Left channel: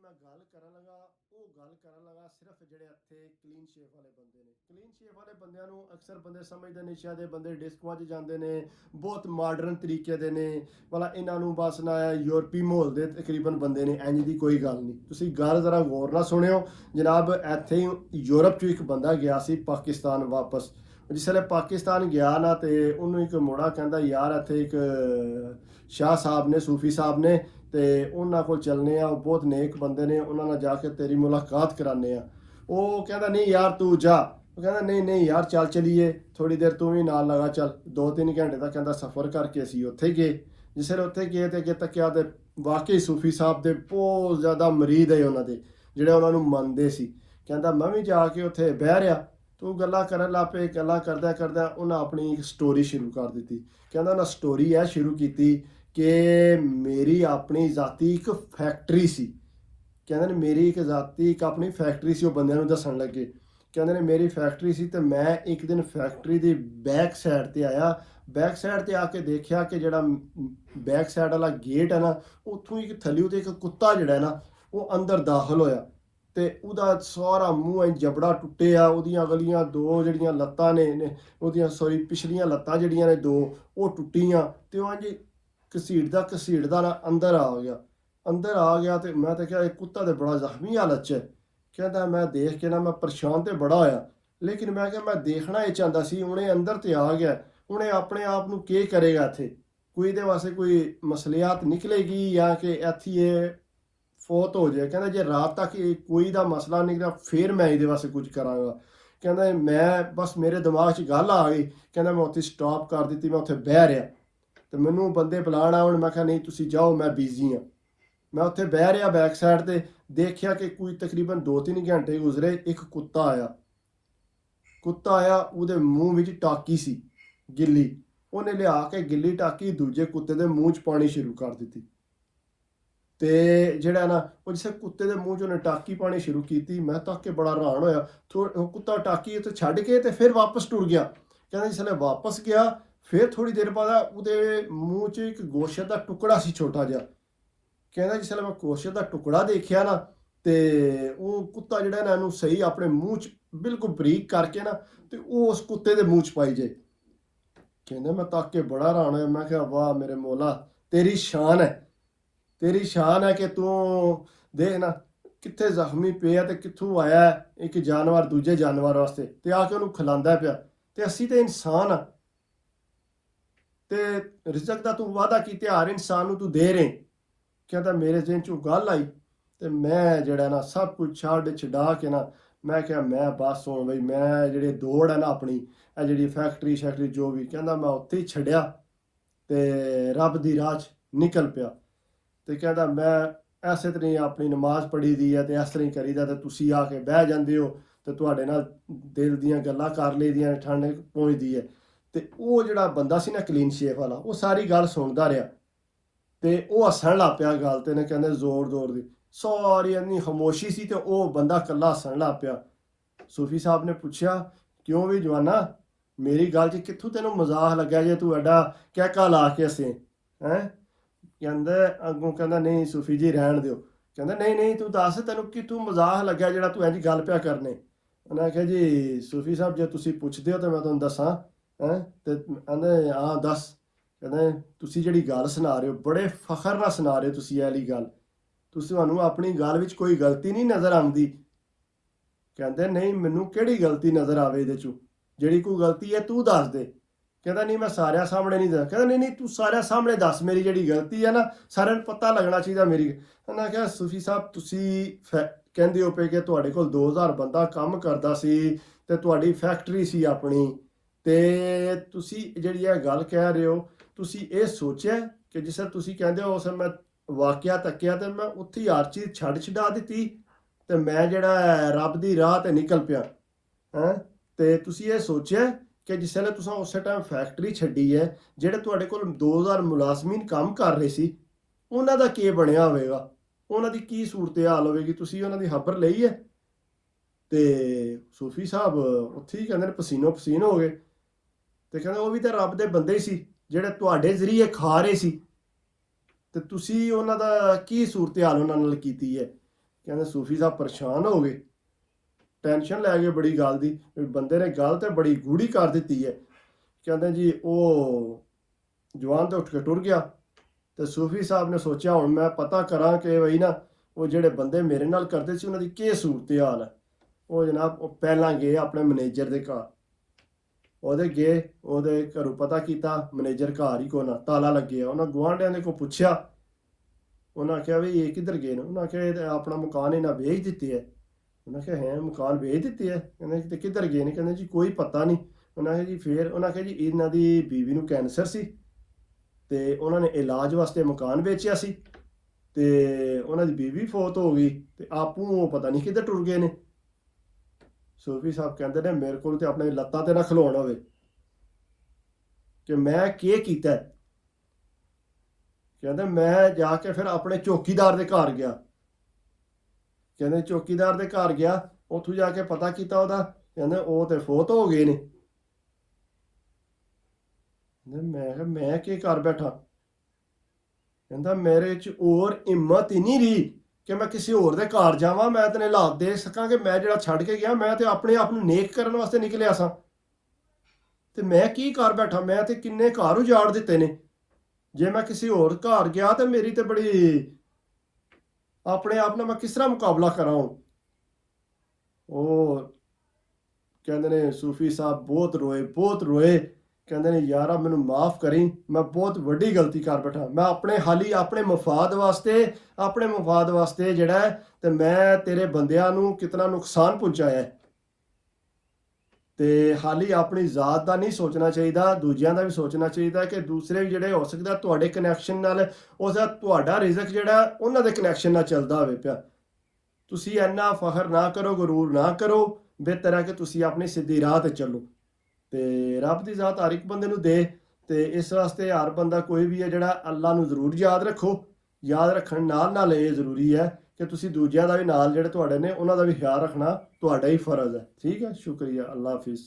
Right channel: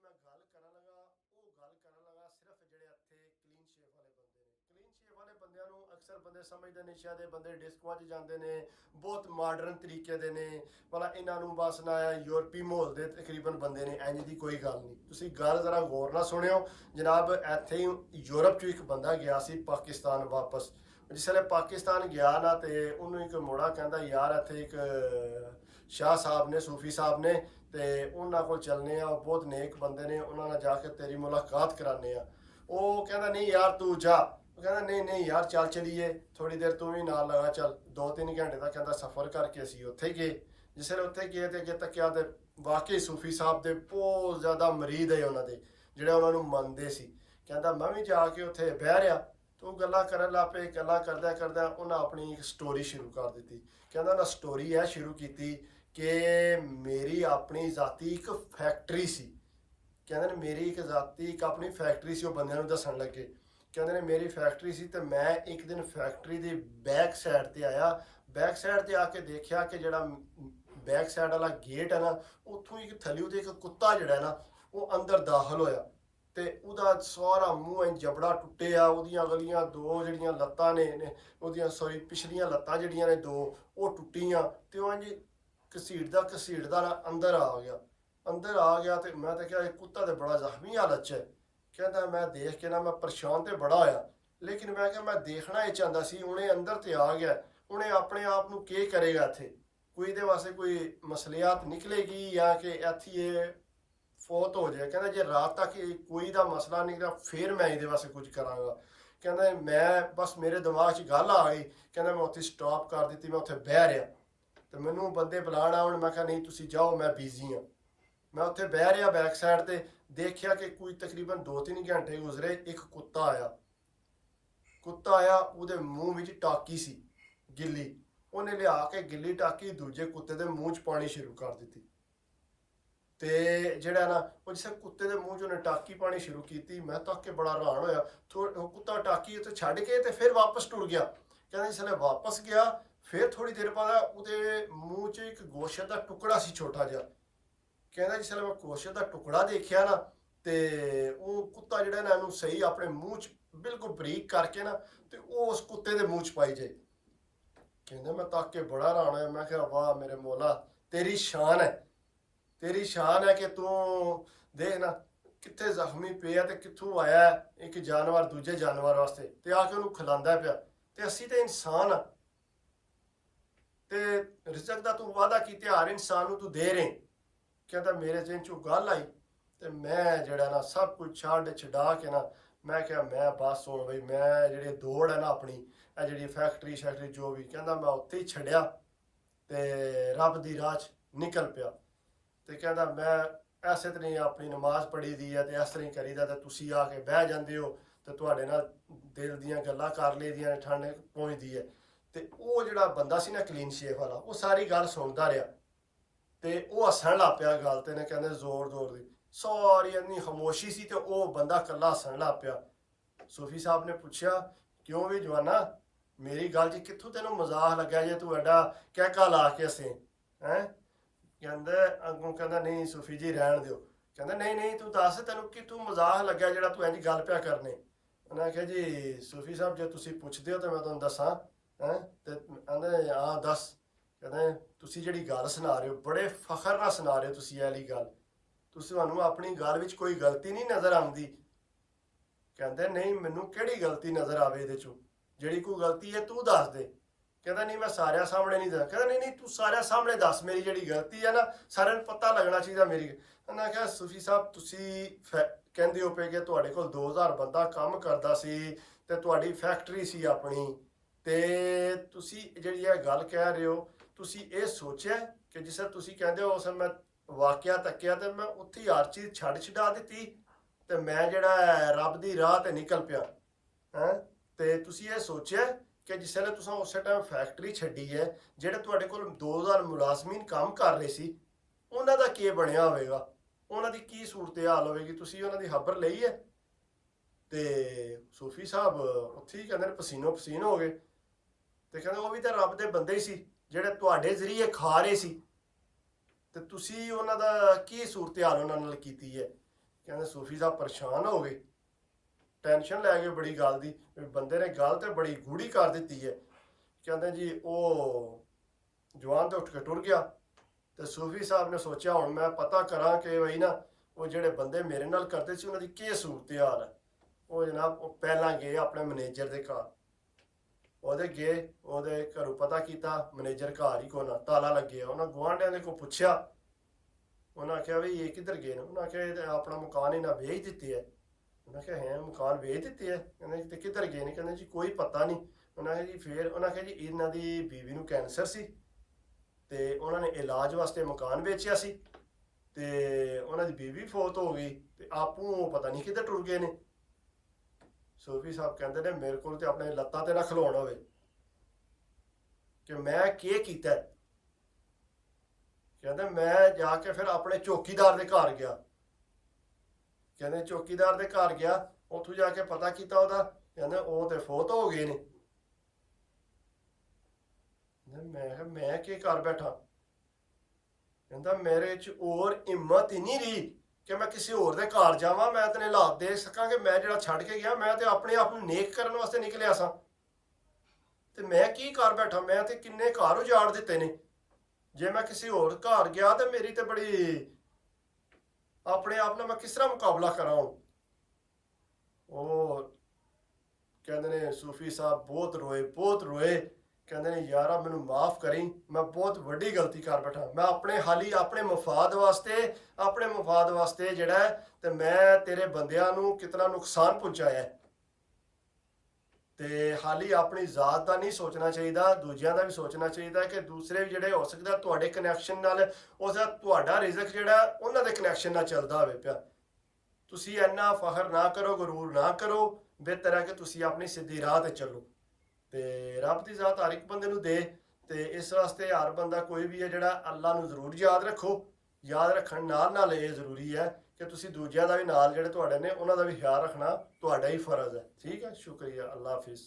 मैं गल करन लगा ਉਹ ਗੱਲ ਕਰਨ ਲਗਾ ਸਿਰਫ ਜਿਹੜੇ ਇੱਥੇ ਕਲੀਨ ਸ਼ੇਪ ਵਾਲੇ ਬੰਦੇ ਨੇ। ਕਲੀਨ ਸ਼ੇਪ ਵਾਲੇ ਬੰਦਿਆਂ ਨੂੰ ਅਕਸਰ ਬੰਦੇ ਸਮਝਦੇ ਨੇ ਸ਼ਾਇਦ ਇਹ ਬੰਦੇ ਡਿਸਕੋਆਂ 'ਚ ਜਾਂਦੇ ਨੇ, ਬਹੁਤ ਮਾਡਰਨ ਤਰੀਕੇ ਦੇ ਨੇ, ਭਲਾ ਇਹਨਾਂ ਨੂੰ ਬਸ ਨਾ ਯੂਰਪੀ ਮਾਹੌਲ ਦੇ ਤਕਰੀਬਨ ਬੰਦੇ ਨੇ। ਇੰਜ ਦੀ ਕੋਈ ਗੱਲ ਨਹੀਂ, ਤੁਸੀਂ ਗੱਲ ਜ਼ਰਾ ਗੌਰ ਨਾਲ ਸੁਣਿਓ ਜਨਾਬ। ਇੱਥੇ ਹੀ ਯੂਰਪ 'ਚੋਂ ਇੱਕ ਬੰਦਾ ਗਿਆ ਸੀ ਪਾਕਿਸਤਾਨ ਵਾਪਸ। ਜਿਸ ਵੇਲੇ ਪਾਕਿਸਤਾਨ ਗਿਆ ਨਾ ਤੇ ਉਹਨੂੰ ਇੱਕ ਮੁੰਡਾ ਕਹਿੰਦਾ ਯਾਰ ਇੱਥੇ ਇੱਕ ਸ਼ਾਹ ਸਾਹਿਬ ਨੇ, ਸੂਫੀ ਸਾਹਿਬ ਨੇ, ਤੇ ਉਹਨਾਂ ਕੋਲ ਚੱਲਨੇ ਆ, ਬਹੁਤ ਨੇਕ ਬੰਦੇ ਨੇ, ਉਹਨਾਂ ਨਾਲ ਜਾ ਕੇ ਤੇਰੀ ਮੁਲਾਕਾਤ ਕਰਾਨੇ ਆ। ਉਹ ਕਹਿੰਦਾ ਨਹੀਂ ਯਾਰ ਤੂੰ ਜਾ। ਉਹ ਕਹਿੰਦਾ ਨਹੀਂ ਨਹੀਂ ਯਾਰ ਚੱਲ ਚਲੀਏ, ਥੋੜੀ ਦੇਰ ਤੂੰ ਵੀ ਨਾਲ ਲਗਾ ਚੱਲ। 2-3 ਘੰਟੇ ਦਾ ਕਹਿੰਦਾ ਸਫ਼ਰ ਕਰਕੇ ਅਸੀਂ ਉੱਥੇ ਗਏ। ਜਿਸ ਵੇਲੇ ਉੱਥੇ ਗਏ ਤੇ ਅੱਗੇ ਤੱਕਿਆ ਤੇ ਵਾਕਈ ਸੂਫੀ ਸਾਹਿਬ ਦੇ ਬਹੁਤ ਜ਼ਿਆਦਾ ਮਰੀਦ ਹੈ ਉਹਨਾਂ ਦੇ, ਜਿਹੜੇ ਉਹਨਾਂ ਨੂੰ ਮੰਨਦੇ ਸੀ। ਕਹਿੰਦਾ ਮੈਂ ਵੀ ਜਾ ਕੇ ਉੱਥੇ ਬਹਿ ਰਿਹਾ, ਤੂੰ ਗੱਲਾਂ ਕਰਨ ਲੱਗ ਪਏ। ਗੱਲਾਂ ਕਰਦਿਆਂ ਕਰਦਿਆਂ ਉਹਨਾਂ ਆਪਣੀ ਇੱਕ ਸਟੋਰੀ ਸ਼ੁਰੂ ਕਰ ਦਿੱਤੀ। ਕਹਿੰਦਾ ਉਹਨਾਂ ਸਟੋਰੀ ਇਹ ਸ਼ੁਰੂ ਕੀਤੀ ਕਿ ਮੇਰੀ ਆਪਣੀ ਜ਼ਾਤੀ ਇੱਕ ਫੈਕਟਰੀ ਸੀ। ਕਹਿੰਦੇ ਨੇ ਮੇਰੀ ਇੱਕ ਜ਼ਾਤੀ ਇੱਕ ਆਪਣੀ ਫੈਕਟਰੀ ਸੀ। ਉਹ ਬੰਦਿਆਂ ਨੂੰ ਦੱਸਣ ਲੱਗੇ, ਕਹਿੰਦੇ ਨੇ ਮੇਰੀ ਫੈਕਟਰੀ ਸੀ ਤੇ ਮੈਂ ਇੱਕ ਦਿਨ ਫੈਕਟਰੀ ਦੀ ਬੈਕ ਸਾਈਡ ਤੇ ਆਇਆ। ਬੈਕ ਸਾਈਡ ਤੇ ਆ ਕੇ ਦੇਖਿਆ ਕਿ ਜਿਹੜਾ ਬੈਕ ਸਾਈਡ ਵਾਲਾ ਗੇਟ ਹੈ ਨਾ, ਉੱਥੋਂ ਇੱਕ ਥੱਲੇ ਤੇ ਇੱਕ ਕੁੱਤਾ ਜਿਹੜਾ ਹੈ ਨਾ ਉਹ ਅੰਦਰ ਦਾਖਲ ਹੋਇਆ ਤੇ ਉਹਦਾ ਸਾਰਾ ਮੂੰਹ ਐ ਜਬੜਾ ਟੁੱਟਿਆ, ਉਹਦੀਆਂ ਅਗਲੀਆਂ 2 ਜਿਹੜੀਆਂ ਲੱਤਾਂ ਨੇ ਉਹਦੀਆਂ ਪਿਛਲੀਆਂ ਲੱਤਾਂ ਜਿਹੜੀਆਂ ਨੇ 2 ਉਹ ਟੁੱਟੀਆਂ ਤੇ ਉਹ ਇੰਝ ਘਸੀੜਦਾ ਨਾ ਅੰਦਰ ਆ ਗਿਆ ਤੇ ਮੈਂ ਤਾਂ ਕਿਹਾ ਇਹ ਕੁੱਤਾ ਤੇ ਬੜਾ ਜ਼ਖਮੀ ਹਾਲਤ 'ਚ ਹੈ। ਕਹਿੰਦਾ ਮੈਂ ਦੇਖ ਕੇ ਨਾ ਮੈਂ ਪਰੇਸ਼ਾਨ ਤੇ ਬੜਾ ਹੋਇਆ, ਲੇਕਿਨ ਮੈਂ ਕਿਹਾ ਮੈਂ ਦੇਖਣਾ ਇਹ ਚਾਹੁੰਦਾ ਸੀ। ਉਹਨੇ ਅੰਦਰ ਤੇ ਆ ਗਿਆ, ਉਹਨੇ ਆਪਣੇ ਆਪ ਨੂੰ ਕੀ ਕਰੇਗਾ ਇੱਥੇ, ਕੋਈ ਇਹਦੇ ਵਾਸਤੇ ਕੋਈ ਮਸਲਿਆਤ ਨਿਕਲੇਗੀ ਜਾਂ ਕਿ ਇੱਥੇ ਇਹ ਫੌਤ ਹੋ ਜਾਏ। ਕਹਿੰਦਾ ਜੇ ਰਾਤ ਤੱਕ ਕੋਈ ਦਾ ਮਸਲਾ ਨਿਕਲਿਆ ਫਿਰ ਮੈਂ ਇਹਦੇ ਵਾਸਤੇ ਕੁਝ ਕਰਾਂਗਾ। ਕਹਿੰਦਾ ਮੈਂ ਬਸ ਮੇਰੇ ਦਿਮਾਗ 'ਚ ਗੱਲ ਆ ਗਈ। ਕਹਿੰਦਾ ਮੈਂ ਉੱਥੇ ਸਟਾਪ ਕਰ ਦਿੱਤੀ, ਮੈਂ ਉੱਥੇ ਬਹਿ ਰਿਹਾ ਤੇ ਮੈਨੂੰ ਬੰਦੇ ਬੁਲਾਉਣ ਆਉਣ। ਮੈਂ ਕਿਹਾ ਨਹੀਂ ਤੁਸੀਂ ਜਾਓ, ਮੈਂ ਬਿਜ਼ੀ ਹਾਂ। ਮੈਂ ਉੱਥੇ ਬਹਿ ਰਿਹਾ ਬੈਕ ਸਾਈਡ ਤੇ, ਦੇਖਿਆ ਕਿ ਕੋਈ ਤਕਰੀਬਨ 2-3 ਘੰਟੇ ਗੁਜ਼ਰੇ, ਇੱਕ ਕੁੱਤਾ ਆਇਆ। ਉਹਦੇ ਮੂੰਹ ਵਿੱਚ ਟਾਕੀ ਸੀ ਗਿੱਲੀ। ਉਹਨੇ ਲਿਆ ਕੇ ਗਿੱਲੀ ਟਾਕੀ ਦੂਜੇ ਕੁੱਤੇ ਦੇ ਮੂੰਹ 'ਚ ਪਾਣੀ ਸ਼ੁਰੂ ਕਰ ਦਿੱਤੀ ਤੇ ਜਿਹੜਾ ਨਾ ਉਹ ਜਿਸ ਕੁੱਤੇ ਦੇ ਮੂੰਹ 'ਚ ਉਹਨੇ ਟਾਕੀ ਪਾਣੀ ਸ਼ੁਰੂ ਕੀਤੀ, ਮੈਂ ਤੱਕ ਕੇ ਬੜਾ ਹੈਰਾਨ ਹੋਇਆ। ਉਹ ਕੁੱਤਾ ਟਾਕੀ ਉੱਥੇ ਛੱਡ ਕੇ ਤੇ ਫਿਰ ਵਾਪਸ ਟੁਰ ਗਿਆ। ਕਹਿੰਦਾ ਜਿਸ ਵੇਲੇ ਵਾਪਸ ਗਿਆ ਫਿਰ ਥੋੜੀ ਦੇਰ ਬਾਅਦ ਉਹਦੇ ਮੂੰਹ 'ਚ ਇੱਕ ਗੋਸ਼ਤ ਦਾ ਟੁਕੜਾ ਸੀ ਛੋਟਾ ਜਿਹਾ। ਕਹਿੰਦਾ ਜਿਸ ਵੇਲੇ ਮੈਂ ਗੋਸ਼ਤ ਦਾ ਟੁਕੜਾ ਦੇਖਿਆ ਨਾ ਤੇ ਉਹ ਕੁੱਤਾ ਜਿਹੜਾ ਨਾ ਇਹਨੂੰ ਸਹੀ ਆਪਣੇ ਮੂੰਹ 'ਚ ਬਿਲਕੁਲ ਬਰੀਕ ਕਰਕੇ ਨਾ ਤੇ ਉਹ ਉਸ ਕੁੱਤੇ ਦੇ ਮੂੰਹ 'ਚ ਪਾਈ ਜਾਏ। ਕਹਿੰਦਾ ਮੈਂ ਤੱਕ ਕੇ ਬੜਾ ਹੈਰਾਨ ਹੋਇਆ। ਮੈਂ ਕਿਹਾ ਵਾਹ ਮੇਰੇ ਮੌਲਾ, ਤੇਰੀ ਸ਼ਾਨ ਹੈ ਕਿ ਤੂੰ ਦੇਖ ਨਾ ਕਿੱਥੇ ਜ਼ਖਮੀ ਪਿਆ ਤੇ ਕਿੱਥੋਂ ਆਇਆ ਇੱਕ ਜਾਨਵਰ ਦੂਜੇ ਜਾਨਵਰ ਵਾਸਤੇ ਤੇ ਆ ਕੇ ਉਹਨੂੰ ਖਿਲਾਉਂਦਾ ਪਿਆ। ਤੇ ਅਸੀਂ ਤੇ ਇਨਸਾਨ ਆ ਤੇ ਰਿਜ਼ਕ ਦਾ ਤੂੰ ਵਾਅਦਾ ਕੀਤਾ ਹਰ ਇਨਸਾਨ ਨੂੰ ਤੂੰ ਦੇ ਰਹੇ। ਕਹਿੰਦਾ ਮੇਰੇ ਜ਼ਿਹਨ 'ਚੋਂ ਗੱਲ ਆਈ ਤੇ ਮੈਂ ਜਿਹੜਾ ਨਾ ਸਭ ਕੁਝ ਛਡਾ ਕੇ ਨਾ ਮੈਂ ਕਿਹਾ ਮੈਂ ਬਸ ਹੁਣ ਬਈ ਮੈਂ ਜਿਹੜੀ ਦੌੜ ਹੈ ਨਾ ਆਪਣੀ ਇਹ ਜਿਹੜੀ ਫੈਕਟਰੀ ਜੋ ਵੀ, ਕਹਿੰਦਾ ਮੈਂ ਉੱਥੇ ਹੀ ਛੱਡਿਆ ਤੇ ਰੱਬ ਦੀ ਰਾਹ 'ਚ ਨਿਕਲ ਪਿਆ। ਤੇ ਕਹਿੰਦਾ ਮੈਂ ਐਸੇ ਤਰ੍ਹਾਂ ਹੀ ਆਪਣੀ ਨਮਾਜ਼ ਪੜ੍ਹੀ ਦੀ ਹੈ ਤੇ ਇਸ ਤਰ੍ਹਾਂ ਹੀ ਕਰੀਦਾ ਤੇ ਤੁਸੀਂ ਆ ਕੇ ਬਹਿ ਜਾਂਦੇ ਹੋ ਤੇ ਤੁਹਾਡੇ ਨਾਲ ਦਿਲ ਦੀਆਂ ਗੱਲਾਂ ਕਰ ਲਈਦੀਆਂ ਨੇ, ਠੰਡ ਪਹੁੰਚਦੀ ਹੈ। ਤੇ ਉਹ ਜਿਹੜਾ ਬੰਦਾ ਸੀ ਨਾ ਕਲੀਨ ਸ਼ੇਪ ਵਾਲਾ, ਉਹ ਸਾਰੀ ਗੱਲ ਸੁਣਦਾ ਰਿਹਾ ਤੇ ਉਹ ਹੱਸਣ ਲੱਗ ਪਿਆ ਗੱਲ ਤੇ ਨੇ ਕਹਿੰਦੇ ਜ਼ੋਰ ਦੀ ਸਾਰੀ ਇੰਨੀ ਖਾਮੋਸ਼ੀ ਸੀ ਤੇ ਉਹ ਬੰਦਾ ਇਕੱਲਾ ਹੱਸਣ ਲੱਗ ਪਿਆ। ਸੂਫੀ ਸਾਹਿਬ ਨੇ ਪੁੱਛਿਆ ਕਿਉਂ ਵੀ ਜਵਾਨਾ, ਮੇਰੀ ਗੱਲ 'ਚ ਕਿੱਥੋਂ ਤੈਨੂੰ ਮਜ਼ਾਕ ਲੱਗਿਆ ਜੇ ਤੂੰ ਐਡਾ ਕਹਿਕਾ ਲਾ ਕੇ ਹੱਸੇ ਹੈਂ? ਕਹਿੰਦਾ ਅੱਗੋਂ ਕਹਿੰਦਾ ਨਹੀਂ ਸੂਫੀ ਜੀ ਰਹਿਣ ਦਿਓ। ਕਹਿੰਦਾ ਨਹੀਂ ਤੂੰ ਦੱਸ ਤੈਨੂੰ ਕਿੱਥੋਂ ਮਜ਼ਾਕ ਲੱਗਿਆ ਜਿਹੜਾ ਤੂੰ ਇੰਝ ਗੱਲ ਪਿਆ ਕਰਨੇ। ਉਹਨੇ ਕਿਹਾ ਜੀ ਸੂਫੀ ਸਾਹਿਬ ਜੇ ਤੁਸੀਂ ਪੁੱਛਦੇ ਹੋ ਤਾਂ ਮੈਂ ਤੁਹਾਨੂੰ ਦੱਸਾਂ ਹੈਂ। ਤੇ ਕਹਿੰਦੇ ਹਾਂ ਦੱਸ। ਕਹਿੰਦੇ ਤੁਸੀਂ ਜਿਹੜੀ ਗੱਲ ਸੁਣਾ ਰਹੇ ਹੋ ਬੜੇ ਫਖਰ ਨਾਲ ਸੁਣਾ ਰਹੇ ਹੋ ਤੁਸੀਂ ਇਹ ਵਾਲੀ ਗੱਲ, ਤੁਹਾਨੂੰ ਆਪਣੀ ਗੱਲ ਵਿੱਚ ਕੋਈ ਗਲਤੀ ਨਹੀਂ ਨਜ਼ਰ ਆਉਂਦੀ। ਕਹਿੰਦੇ ਨਹੀਂ ਮੈਨੂੰ ਕਿਹੜੀ ਗਲਤੀ ਨਜ਼ਰ ਆਵੇ ਇਹਦੇ 'ਚੋਂ, ਜਿਹੜੀ ਕੋਈ ਗਲਤੀ ਹੈ ਤੂੰ ਦੱਸ ਦੇ। ਕਹਿੰਦਾ ਨਹੀਂ ਮੈਂ ਸਾਰਿਆਂ ਸਾਹਮਣੇ ਨਹੀਂ ਦੱਸ। ਕਹਿੰਦਾ ਨਹੀਂ ਤੂੰ ਸਾਰਿਆਂ ਸਾਹਮਣੇ ਦੱਸ, ਮੇਰੀ ਜਿਹੜੀ ਗਲਤੀ ਹੈ ਨਾ ਸਾਰਿਆਂ ਨੂੰ ਪਤਾ ਲੱਗਣਾ ਚਾਹੀਦਾ ਮੇਰੀ। ਉਹਨਾਂ ਕਿਹਾ ਸੂਫੀ ਸਾਹਿਬ ਤੁਸੀਂ ਕਹਿੰਦੇ ਹੋ ਪਏ ਕਿ ਤੁਹਾਡੇ ਕੋਲ 2000 ਬੰਦਾ ਕੰਮ ਕਰਦਾ ਸੀ ਤੇ ਤੁਹਾਡੀ ਫੈਕਟਰੀ ਸੀ ਆਪਣੀ, ਤੇ ਤੁਸੀਂ ਜਿਹੜੀ ਇਹ ਗੱਲ ਕਹਿ ਰਹੇ ਹੋ ਤੁਸੀਂ ਇਹ ਸੋਚਿਆ ਕਿ ਜਿਸ ਤਰ੍ਹਾਂ ਤੁਸੀਂ ਕਹਿੰਦੇ ਹੋ ਉਸ ਮੈਂ ਵਾਕਿਆ ਤੱਕਿਆ ਤੇ ਮੈਂ ਉੱਥੇ ਹਰ ਚੀਜ਼ ਛਡਾ ਦਿੱਤੀ ਤੇ ਮੈਂ ਜਿਹੜਾ ਰੱਬ ਦੀ ਰਾਹ ਤੇ ਨਿਕਲ ਪਿਆ ਹੈਂ? ਤੇ ਤੁਸੀਂ ਇਹ ਸੋਚਿਆ ਕਿ ਜਿਸ ਵੇਲੇ ਤੁਸੀਂ ਉਸੇ ਟਾਈਮ ਫੈਕਟਰੀ ਛੱਡੀ ਹੈ, ਜਿਹੜੇ ਤੁਹਾਡੇ ਕੋਲ 2000 ਮੁਲਾਜ਼ਮੀਨ ਕੰਮ ਕਰ ਰਹੇ ਸੀ ਉਹਨਾਂ ਦਾ ਕੀ ਬਣਿਆ ਹੋਵੇਗਾ, ਉਹਨਾਂ ਦੀ ਕੀ ਸੂਰਤ ਹਾਲ ਹੋਵੇਗੀ, ਤੁਸੀਂ ਉਹਨਾਂ ਦੀ ਖਬਰ ਲਈ ਹੈ? ਤੇ ਸੂਫੀ ਸਾਹਿਬ ਉੱਥੇ ਹੀ ਕਹਿੰਦੇ ਨੇ ਪਸੀਨੋ ਪਸੀਨ ਹੋ ਗਏ ਤੇ ਕਹਿੰਦੇ ਉਹ ਵੀ ਤਾਂ ਰੱਬ ਦੇ ਬੰਦੇ ਹੀ ਸੀ ਜਿਹੜੇ ਤੁਹਾਡੇ ਜ਼ਰੀਏ ਖਾ ਰਹੇ ਸੀ ਤੇ ਤੁਸੀਂ ਉਹਨਾਂ ਦਾ ਕੀ ਸੂਰਤ ਹਾਲ ਉਹਨਾਂ ਨਾਲ ਕੀਤੀ ਹੈ? ਕਹਿੰਦੇ ਸੂਫੀ ਸਾਹਿਬ ਪਰੇਸ਼ਾਨ ਹੋ ਗਏ, ਟੈਨਸ਼ਨ ਲੈ ਗਏ ਬੜੀ ਗੱਲ ਦੀ, ਵੀ ਬੰਦੇ ਨੇ ਗੱਲ ਤੇ ਬੜੀ ਗੂੜੀ ਕਰ ਦਿੱਤੀ ਹੈ। ਕਹਿੰਦੇ ਜੀ ਉਹ ਜਵਾਨ ਤੇ ਉੱਠ ਕੇ ਟੁਰ ਗਿਆ। ਤੇ ਸੂਫੀ ਸਾਹਿਬ ਨੇ ਸੋਚਿਆ ਹੁਣ ਮੈਂ ਪਤਾ ਕਰਾਂ ਕਿ ਬਈ ਨਾ ਉਹ ਜਿਹੜੇ ਬੰਦੇ ਮੇਰੇ ਨਾਲ ਕਰਦੇ ਸੀ ਉਹਨਾਂ ਦੀ ਕੀ ਸੂਰਤ ਹਾਲ ਹੈ। ਉਹ ਜਨਾਬ ਉਹ ਪਹਿਲਾਂ ਗਏ ਆਪਣੇ ਮੈਨੇਜਰ ਦੇ ਘਰ, ਉਹਦੇ ਗਏ, ਉਹਦੇ ਘਰੋਂ ਪਤਾ ਕੀਤਾ, ਮੈਨੇਜਰ ਘਰ ਹੀ ਕੋਨਾ, ਤਾਲਾ ਲੱਗਿਆ। ਉਹਨਾਂ ਗੁਆਂਢੀਆਂ ਦੇ ਕੋਲ ਪੁੱਛਿਆ, ਉਹਨਾਂ ਆਖਿਆ ਵੀ ਇਹ ਕਿੱਧਰ ਗਏ ਨੇ? ਉਹਨਾਂ ਆਖਿਆ ਇਹ ਤਾਂ ਆਪਣਾ ਮਕਾਨ ਇਹਨਾਂ ਵੇਚ ਦਿੱਤੇ ਹੈ। ਉਹਨਾਂ ਆਖਿਆ ਹੈ ਮਕਾਨ ਵੇਚ ਦਿੱਤੇ ਹੈ? ਕਹਿੰਦੇ ਤੇ ਕਿੱਧਰ ਗਏ ਨੇ? ਕਹਿੰਦੇ ਜੀ ਕੋਈ ਪਤਾ ਨਹੀਂ। ਉਹਨਾਂ ਆਖਿਆ ਜੀ ਫੇਰ? ਉਹਨਾਂ ਆਖਿਆ ਜੀ ਇਹਨਾਂ ਦੀ ਬੀਵੀ ਨੂੰ ਕੈਂਸਰ ਸੀ ਤੇ ਉਹਨਾਂ ਨੇ ਇਲਾਜ ਵਾਸਤੇ ਮਕਾਨ ਵੇਚਿਆ ਸੀ ਤੇ ਉਹਨਾਂ ਦੀ ਬੀਵੀ ਫੌਤ ਹੋ ਗਈ ਤੇ ਆਪੂ ਉਹ ਪਤਾ ਨਹੀਂ ਕਿੱਧਰ ਟੁਰ ਗਏ ਨੇ। ਸੂਫੀ ਸਾਹਿਬ ਕਹਿੰਦੇ ਨੇ ਮੇਰੇ ਕੋਲ ਤੇ ਆਪਣੇ ਲੱਤਾਂ ਤੇ ਨਾ ਖਲੋਣਾ ਹੋਵੇ ਕਿ ਮੈਂ ਕੀ ਕੀਤਾ। ਕਹਿੰਦੇ ਮੈਂ ਜਾ ਕੇ ਫਿਰ ਆਪਣੇ ਚੌਕੀਦਾਰ ਦੇ ਘਰ ਗਿਆ। ਕਹਿੰਦੇ ਚੌਕੀਦਾਰ ਦੇ ਘਰ ਗਿਆ, ਉੱਥੋਂ ਜਾ ਕੇ ਪਤਾ ਕੀਤਾ ਉਹਦਾ, ਕਹਿੰਦੇ ਉਹ ਤੇ ਫੌਤ ਹੋ ਗਏ ਨੇ। ਮੈਂ ਕਿਹਾ ਮੈਂ ਕੀ ਕਰ ਬੈਠਾ? ਕਹਿੰਦਾ ਮੇਰੇ 'ਚ ਹੋਰ ਹਿੰਮਤ ਹੀ ਨਹੀਂ ਰਹੀ ਕਿ ਮੈਂ ਕਿਸੇ ਹੋਰ ਦੇ ਘਰ ਜਾਵਾਂ, ਮੈਂ ਤੈਨੂੰ ਹਾਲਾਤ ਦੇ ਸਕਾਂ ਕਿ ਮੈਂ ਜਿਹੜਾ ਛੱਡ ਕੇ ਗਿਆ ਮੈਂ ਤੇ ਆਪਣੇ ਆਪ ਨੂੰ ਨੇਕ ਕਰਨ ਵਾਸਤੇ ਨਿਕਲਿਆ ਸਾਂ ਤੇ ਮੈਂ ਕੀ ਕਰ ਬੈਠਾ? ਮੈਂ ਤੇ ਕਿੰਨੇ ਘਰ ਉਜਾੜ ਦਿੱਤੇ ਨੇ। ਜੇ ਮੈਂ ਕਿਸੇ ਹੋਰ ਘਰ ਗਿਆ ਤੇ ਮੇਰੀ ਤੇ ਬੜੀ ਆਪਣੇ ਆਪ ਨਾਲ ਮੈਂ ਕਿਸ ਤਰ੍ਹਾਂ ਮੁਕਾਬਲਾ ਕਰਾਂ ਹੁਣ? ਉਹ ਕਹਿੰਦੇ ਨੇ ਸੂਫੀ ਸਾਹਿਬ ਬਹੁਤ ਰੋਏ, ਬਹੁਤ ਰੋਏ। ਕਹਿੰਦੇ ਨੇ ਯਾਰਾ ਮੈਨੂੰ ਮਾਫ ਕਰੀ, ਮੈਂ ਬਹੁਤ ਵੱਡੀ ਗਲਤੀ ਕਰ ਬੈਠਾ। ਮੈਂ ਆਪਣੇ ਹਾਲੀ ਆਪਣੇ ਮਫਾਦ ਵਾਸਤੇ ਜਿਹੜਾ ਤੇ ਮੈਂ ਤੇਰੇ ਬੰਦਿਆਂ ਨੂੰ ਕਿਤਨਾ ਨੁਕਸਾਨ ਪਹੁੰਚਾਇਆ ਤੇ ਹਾਲੀ ਆਪਣੀ ਜ਼ਾਤ ਦਾ ਨਹੀਂ ਸੋਚਣਾ ਚਾਹੀਦਾ, ਦੂਜਿਆਂ ਦਾ ਵੀ ਸੋਚਣਾ ਚਾਹੀਦਾ ਕਿ ਦੂਸਰੇ ਵੀ ਜਿਹੜੇ ਹੋ ਸਕਦਾ ਤੁਹਾਡੇ ਕਨੈਕਸ਼ਨ ਨਾਲ ਉਸਦਾ ਤੁਹਾਡਾ ਰਿਜ਼ਕ ਜਿਹੜਾ ਉਹਨਾਂ ਦੇ ਕਨੈਕਸ਼ਨ ਨਾਲ ਚੱਲਦਾ ਹੋਵੇ ਪਿਆ। ਤੁਸੀਂ ਇੰਨਾ ਫਖਰ ਨਾ ਕਰੋ, ਗਰੂਰ ਨਾ ਕਰੋ, ਬਿਹਤਰ ਹੈ ਕਿ ਤੁਸੀਂ ਆਪਣੀ ਸਿੱਧੀ ਰਾਹ ਤੇ ਚੱਲੋ ਤੇ ਰੱਬ ਦੀ ਜ਼ਾਤ ਹਰ ਇੱਕ ਬੰਦੇ ਨੂੰ ਦੇ। ਤੇ ਇਸ ਵਾਸਤੇ ਹਰ ਬੰਦਾ ਕੋਈ ਵੀ ਹੈ ਜਿਹੜਾ ਅੱਲਾ ਨੂੰ ਜ਼ਰੂਰ ਯਾਦ ਰੱਖੋ। ਯਾਦ ਰੱਖਣ ਨਾਲ ਇਹ ਜ਼ਰੂਰੀ ਹੈ ਕਿ ਤੁਸੀਂ ਦੂਜਿਆਂ ਦਾ ਵੀ ਨਾਲ ਜਿਹੜੇ ਤੁਹਾਡੇ ਨੇ ਉਹਨਾਂ ਦਾ ਵੀ ਖਿਆਲ ਰੱਖਣਾ ਤੁਹਾਡਾ ਹੀ ਫਰਜ਼ ਹੈ। ਠੀਕ ਹੈ, ਸ਼ੁਕਰੀਆ, ਅੱਲਾ ਹਾਫਿਜ਼।